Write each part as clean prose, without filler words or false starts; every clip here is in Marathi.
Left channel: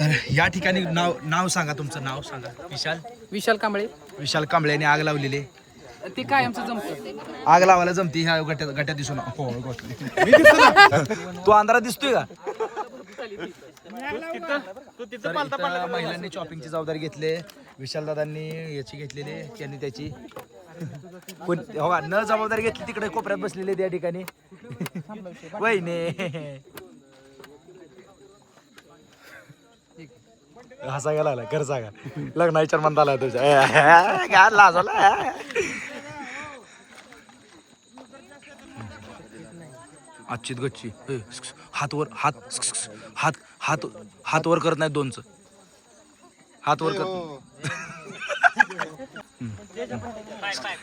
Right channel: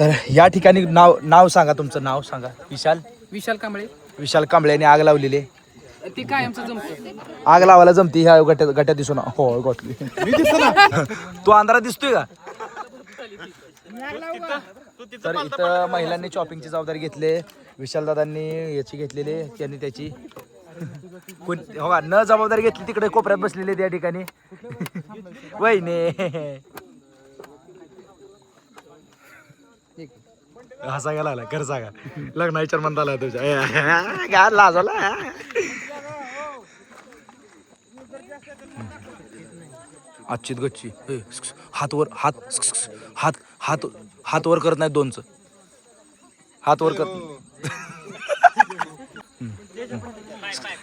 तर या ठिकाणी नाव सांगा, तुमचं नाव सांगा. विशाल कांबळे. विशाल कांबळेने आग लावलेली. ती काय आमचं जमतं. आग लावायला जमती ह्या गट्यात दिसून. हो गोठली. तू अंधारात दिसतोय का? तर इथं महिलांनी शॉपिंगची जबाबदारी घेतली. विशाल दादांनी याची घेतलेली, त्यांनी त्याची हो का न जबाबदारी घेतली तिकडे कोपऱ्यात बसलेले त्या ठिकाणी. वहिने हसा गेला घर सांगा लग्न विचार म्हणता आला तुझ्या लाजवला. आजची गच्ची हात वर हात हात हात हात वर करत नाही दोनच हात वर करत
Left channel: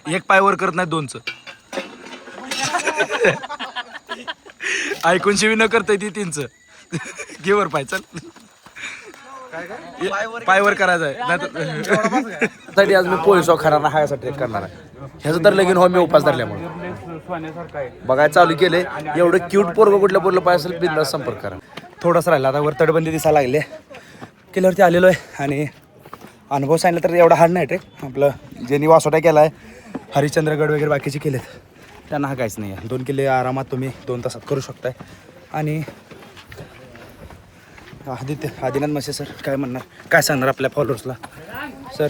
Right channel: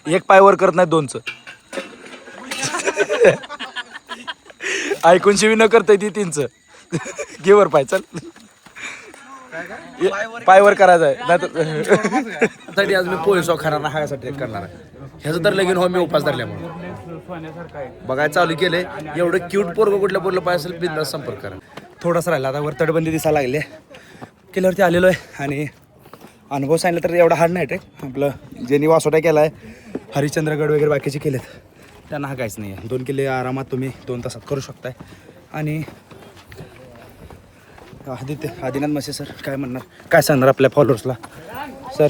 एक पाय वर करत नाही दोनच ऐकून शिवी न करता ती तीनच घे वर पाय चल पाय वर करायचं आहे नाही आज मी पोळी सॉ खाणार नाही ह्यासाठी करणार आहे. ह्याचं तर लगीन हो मी उपास धरल्यामुळे बघायला चालू केले. एवढं क्यूट पोरगं कुठल्या पोरलं पाय असेल बिंदास संपर्क करा. थोडासा राहिला आता वर तटबंदी दिसायला लागले केल्यावरती आलेलो आहे. आणि अनुभव सांगितलं तर एवढा हार्ड नाही रे. आपलं ज्यांनी वासोटा केला आहे हरिश्चंद्रगड वगैरे बाकीचे केलेत त्यांना हा काहीच नाही आहे. 2 किल्ले आरामात तुम्ही 2 तासात करू शकताय. आणि आदिनाथ मसे सर काय म्हणणार, काय सांगणार आपल्या फॉलोअर्सला? सर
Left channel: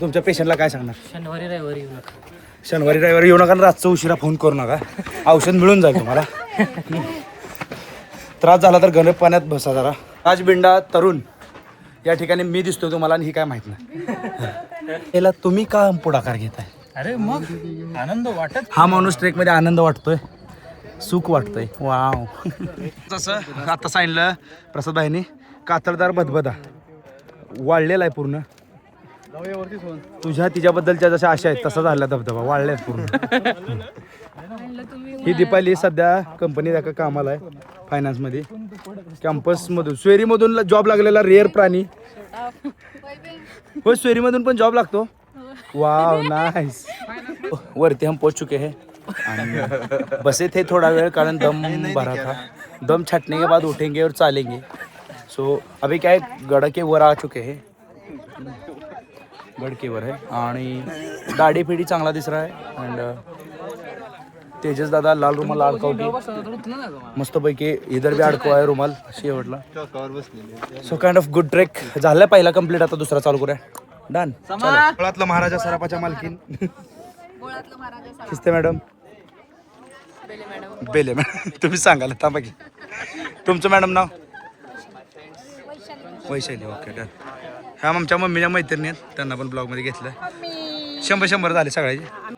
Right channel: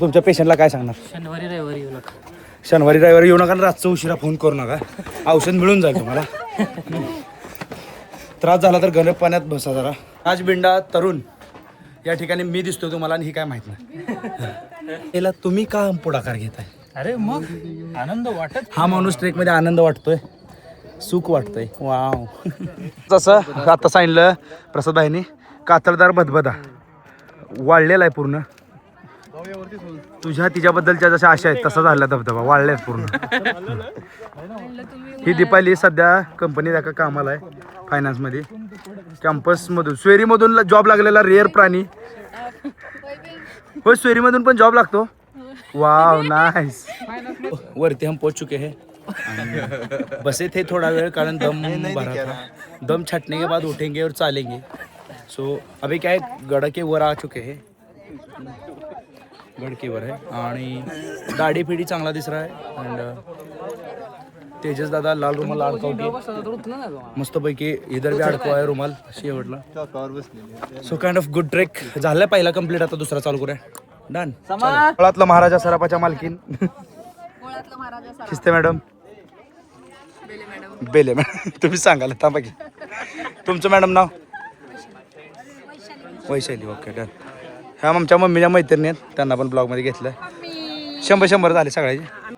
तुमच्या पेशंटला काय सांगणार? शनिवारी रविवारी येऊ नका. शनिवारी रविवारी येऊ नका आणि रातचं उशिरा फोन करू नका. औषध मिळून जाईल तुम्हाला. त्रास झाला तर गरम पाण्यात बसा जरा. राजबिंडा तरुण या ठिकाणी मी दिसतोय तुम्हाला आणि ही काय माहित नाही. याला तुम्ही का पुढाकार घेताय? अरे मग आनंद वाटत. हा माणूस ट्रेकमध्ये आनंद वाटतोय, सुख वाटतंय. वाव. जसं आता सांगितलं प्रसाद भाईनी कातळदार बदबदा वाढलेला आहे पूर्ण. तुझ्या तिच्याबद्दलच्या जशा आशा आहेत तसा झाला धबधबा वाढलाय पूर्ण. ही दीपाली सध्या कंपनी एका कामाला आहे फायनान्समध्ये. कॅम्पसमधून स्वेरीमधून जॉब लागलेला रेअर प्राणी. हो स्वेरीमधून पण जॉब लागतो. Wow nice. वरती हम पहुंच चुके हैं. बसे थे थोड़ा वेळ कारण दम भरा था. दम छटने के बाद उठेंगे और चालेंगे. सो अभी क्या है गड़ के वर आ चुके हैं. गड के वर है आणि दाढी फिडी चांगला दिस रहा है. अँड तेजस दादा लाल रुमाल अडकवते मस्तपैकी. इधर भी अडकवा आहे रुमाल अशी आवडला. So kind of good trek झालाय पहिला कंप्लीट. आता दुसरा चालू करूया. डन. फळातलं महाराजा सरापाच्या मालकीन खिस्ते मॅडम बेले मॅडम तुम्ही सांगाल थांबा की तुमचं मॅडम नाव? वैशाली. Okay done. ह्या आमच्या मम्मीच्या मैत्रिणी आहेत त्यांना पण ब्लॉगमध्ये घेतलं. 100 झाले सगळ्याचे.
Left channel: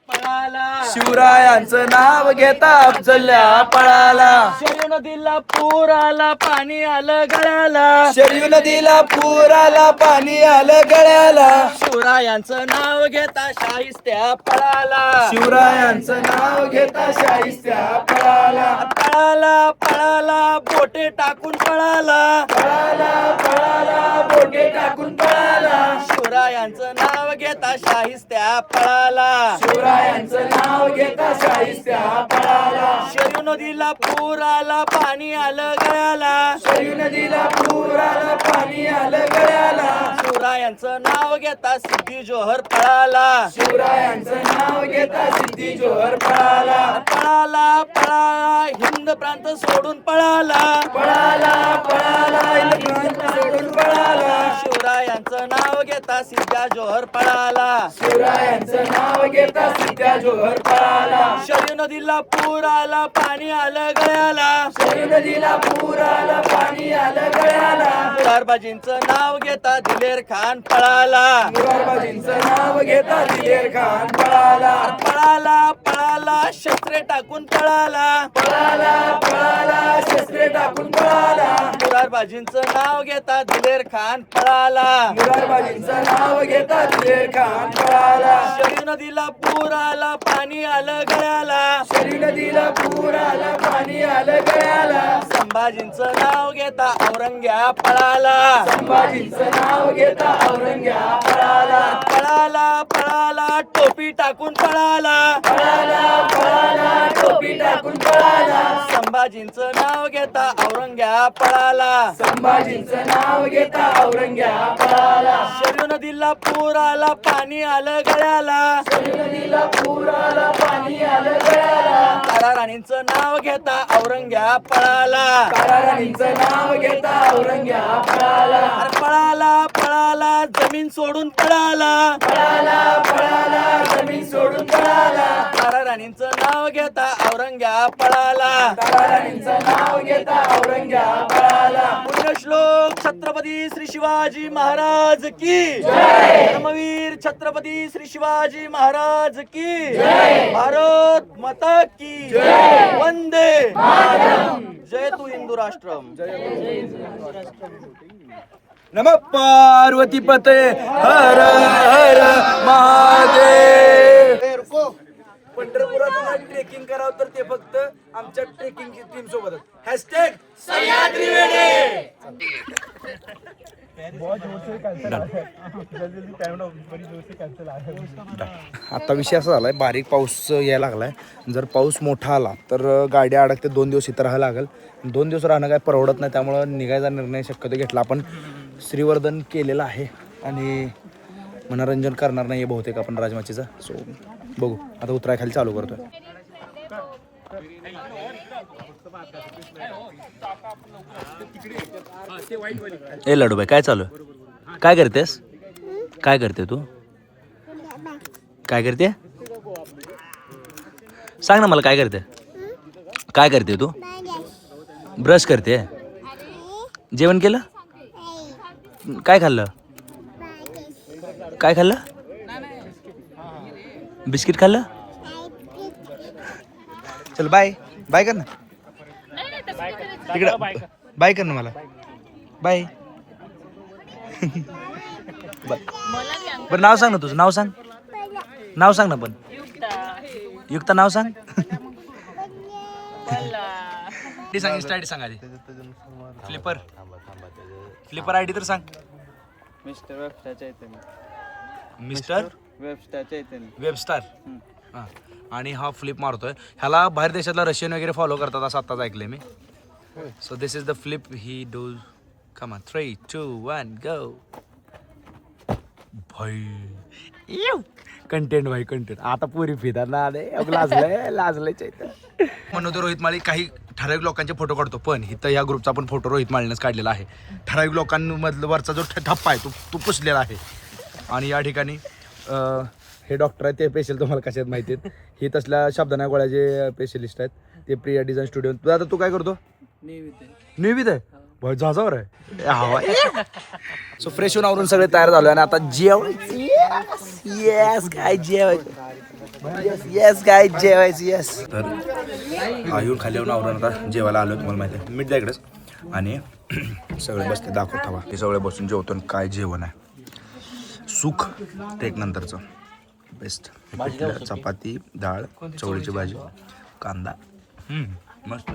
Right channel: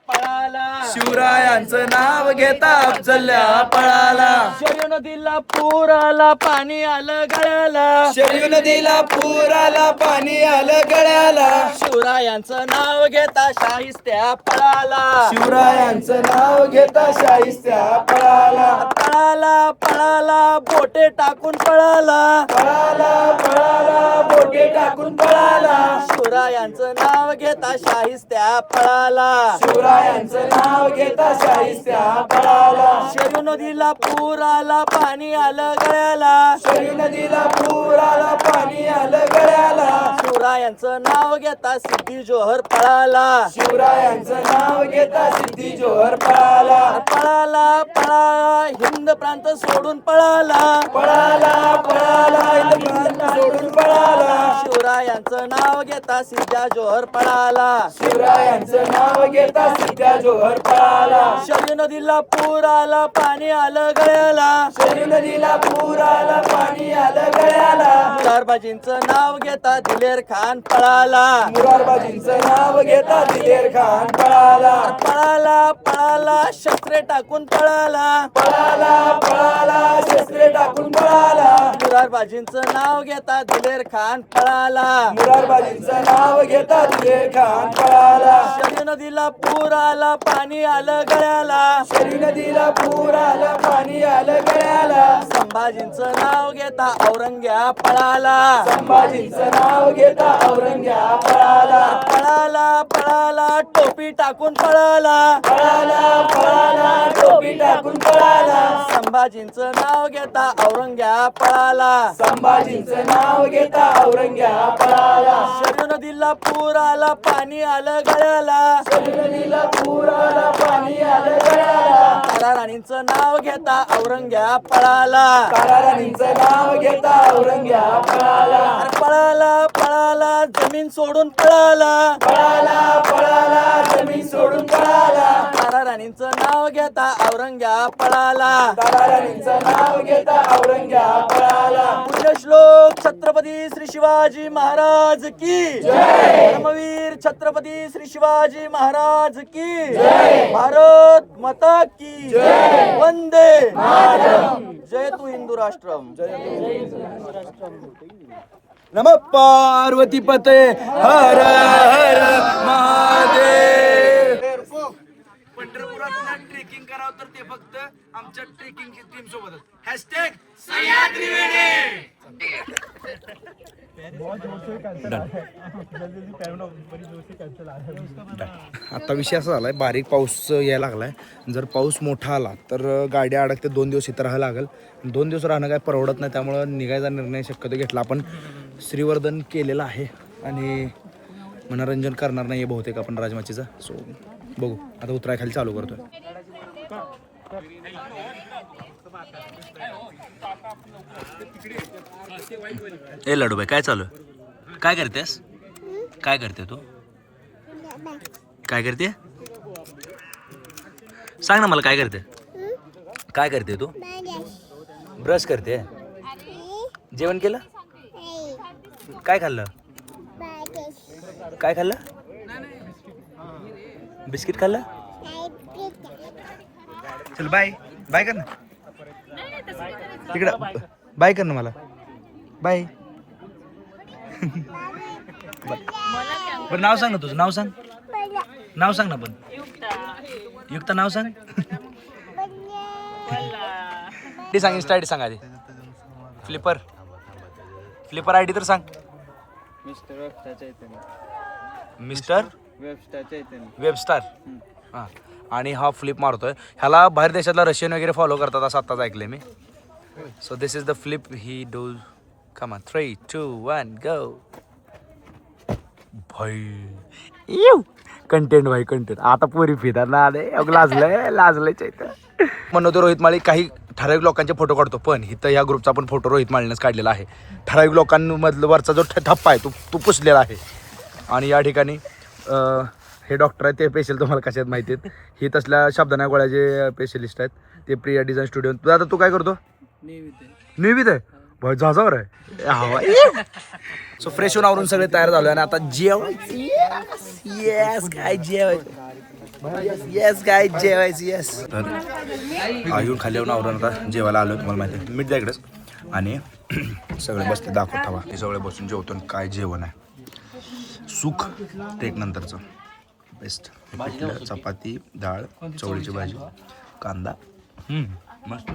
शिवरायांचं नाव घेता अफजल्या पळाला. शरयू नदीला पूर आला पाणी आलं गळ्याला. शरयू नदीला पूर आला पाणी आलं गळ्याला. शिवरायांचं नाव घेता शाहिस्त्या पळाला. शिवरायांचं नाव घेता शाहिस्त्या पळाला. पळाला पळाला बोटे टाकून पळाला. पळाला पळाला बोटे टाकून पळाला. शिवरायांचं नाव घेता शाहिस्त्या पळाला. शिवरायांचं नाव घेता शाहिस्त्या पळाला. शरयू नदीला पूर आला पाणी आलं गळ्याला. शरयू नदीला पूर आला पाणी आलं गळ्याला. शिवरायांचं नाव घेता सिद्धी जोहर पळाला. शिवरायांचं नाव घेता सिद्धी जोहर पळाला. पळाला पळाला हिंद प्रांत सोडून पळाला. पळाला पळाला हिंद सोडून पळाला. शिवरायांचं नाव घेता सिद्ध्या जोहर पळाला. शिवरायांचं नाव घेता सिद्ध्या जोहर पळाला. शरयू नदीला पूर आला पाणी आलं गळ्याला. शरयू नदीला पूर आला पाणी आलं गळ्याला. मुरारबाजींचं नाव घेता दिलेर खान पळाला. मुरारबाजींचं नाव घेता दिलेर खान पळाला. पळाला पळाला शस्त्रे टाकून पळाला. पळाला पळाला शस्त्रे टाकून पळाला. मुरारबाजींचं नाव घेता दिलेर खान पळाला. मुरारबाजींचं नाव घेता दिलेर खान पळाला. शरयू नदीला पूर आला पाणी आलं गळ्याला. शरयू नदीला पूर आला पाणी आलं गळ्याला. संभाजींचं नाव घेता औरंग्या पळाला. संभाजींचं नाव घेता औरंग्या पळाला. पळाला पळाला टोपी टाकून पळाला. पळाला पळाला टोपी टाकून पळाला संभाजींचं नाव घेता औरंग्या पळाला संभाजींचं नाव घेता औरंग्या पळाला शरयू नदीला पूर आला पाणी आलं गळ्याला शरयू नदीला पूर आला पाणी आलं गळ्याला तारा राणींचं नाव घेता औरंग्या पळाला तारा राणींचं नाव घेता औरंग्या पळाला अरे पळाला पळाला जमीन सोडून पळाला पळाला पळाला जमीन सोडून पळाला तारा राणींचं नाव घेता औरंग्या पळाला तारा राणींचं नाव घेता औरंग्या पळाला पुण्यश्लोक छत्रपती श्री शिवाजी महाराज की जय धर्मवीर छत्रपती श्री शिवाजी महाराज की जय भारत माता की जय वंदे मातरम जय तू हिंदू राष्ट्रम नमः पार्वती पते हर हर महादेव. पंढरपुरात ट्रेकिंग करावं तर ते फक्त आमच्या ट्रेकिंगची टीम सोबत हॅशटॅग सह्याद्री वेडे. आता विषय असा झालाय बारीक पाऊस यायला लागलाय. जर पाऊस मोठा आला तर गाडी अडकते 2 दिवस इथं राहायला लागेल. 2 दिवस राहणं काय परवडत नाही. त्यामुळं निघायचा निर्णय शक्यतो घेतला आपण. श्रीवर्धन केलेलं आहे आणि मनोरंजन करणार नाही बहुतेक आपण राजमाचीचा. सो बघू आता उतराय खाली चालू करतोय. ए लडूबाई काय चालू आहे? काय करतेस? काय करते तू? काय करते? सांग ना मला काय करते? काय करते तू? ब्रश करते. जेवण केलं? काय खाल्लं? काय खाल्लं? बिस्किट खाल्लं? चल बाय बाय कर ना तिकडं. बाय कर ना मला. बाय. बरं नाव सांग ना तुझं. नाव सांग. नाव सांग ना पण. युक्ता नाव सांग. ते सांग. इंस्टा आयडी सांग आधी. फ्लिपर आयडी तर सांग. Mister Webster. हां आणि हा फ्लिप मारतोय. ह्याला बाहेर देशातला रशियन वगैरे फॉलो करतात असं आत्ताच ऐकलंय मी. So this is the flip ही डू. Come on 3 2 1 go. भाई कंटेंट भाई कंटेंट. आता पुरी फिदा ना आले लाजलंय चैत्य. म्हणून रोहित माळी काही ठराविक लोकांचे फोटो काढतो. पण इथं ह्या ग्रुपचा पण फोटो रोहित माळीनेच काढलेला आहे. ठराविक लोकांमधलं वरचा जो ठप्पा आहे तो पुसलेला आहे. आणि या ठिकाणी हे डॉक्टर आहेत ते पेशल तुम्हाला कशात माहिती आहेत. ही तसल्या शब्दांना गोळ्याचे स्पेशलिस्ट आहेत. ते प्रिया डिझाईन स्टुडिओ. आता तू काय करतो? निवित आहे. भाई जाजावर आहे. सो फ्रेश होऊन आवरून सगळे तयार झालो आणि आता जेवायचं. येस काय जेवायचं. येस काय जेवायचं. येस तर येऊन खाली येऊन आवरून आता जेवायला आलो. तुम्हाला माहिती आहे मीठ द्या इकडेच. आणि सगळे बसते दाखवत हवा. हे सगळे बसून जेवतो. काय जेवण आहे. सुख टेक नंतरचं बेस्ट. पिठलं चपाती डाळ चवळीची भाजी कांदा मस्त.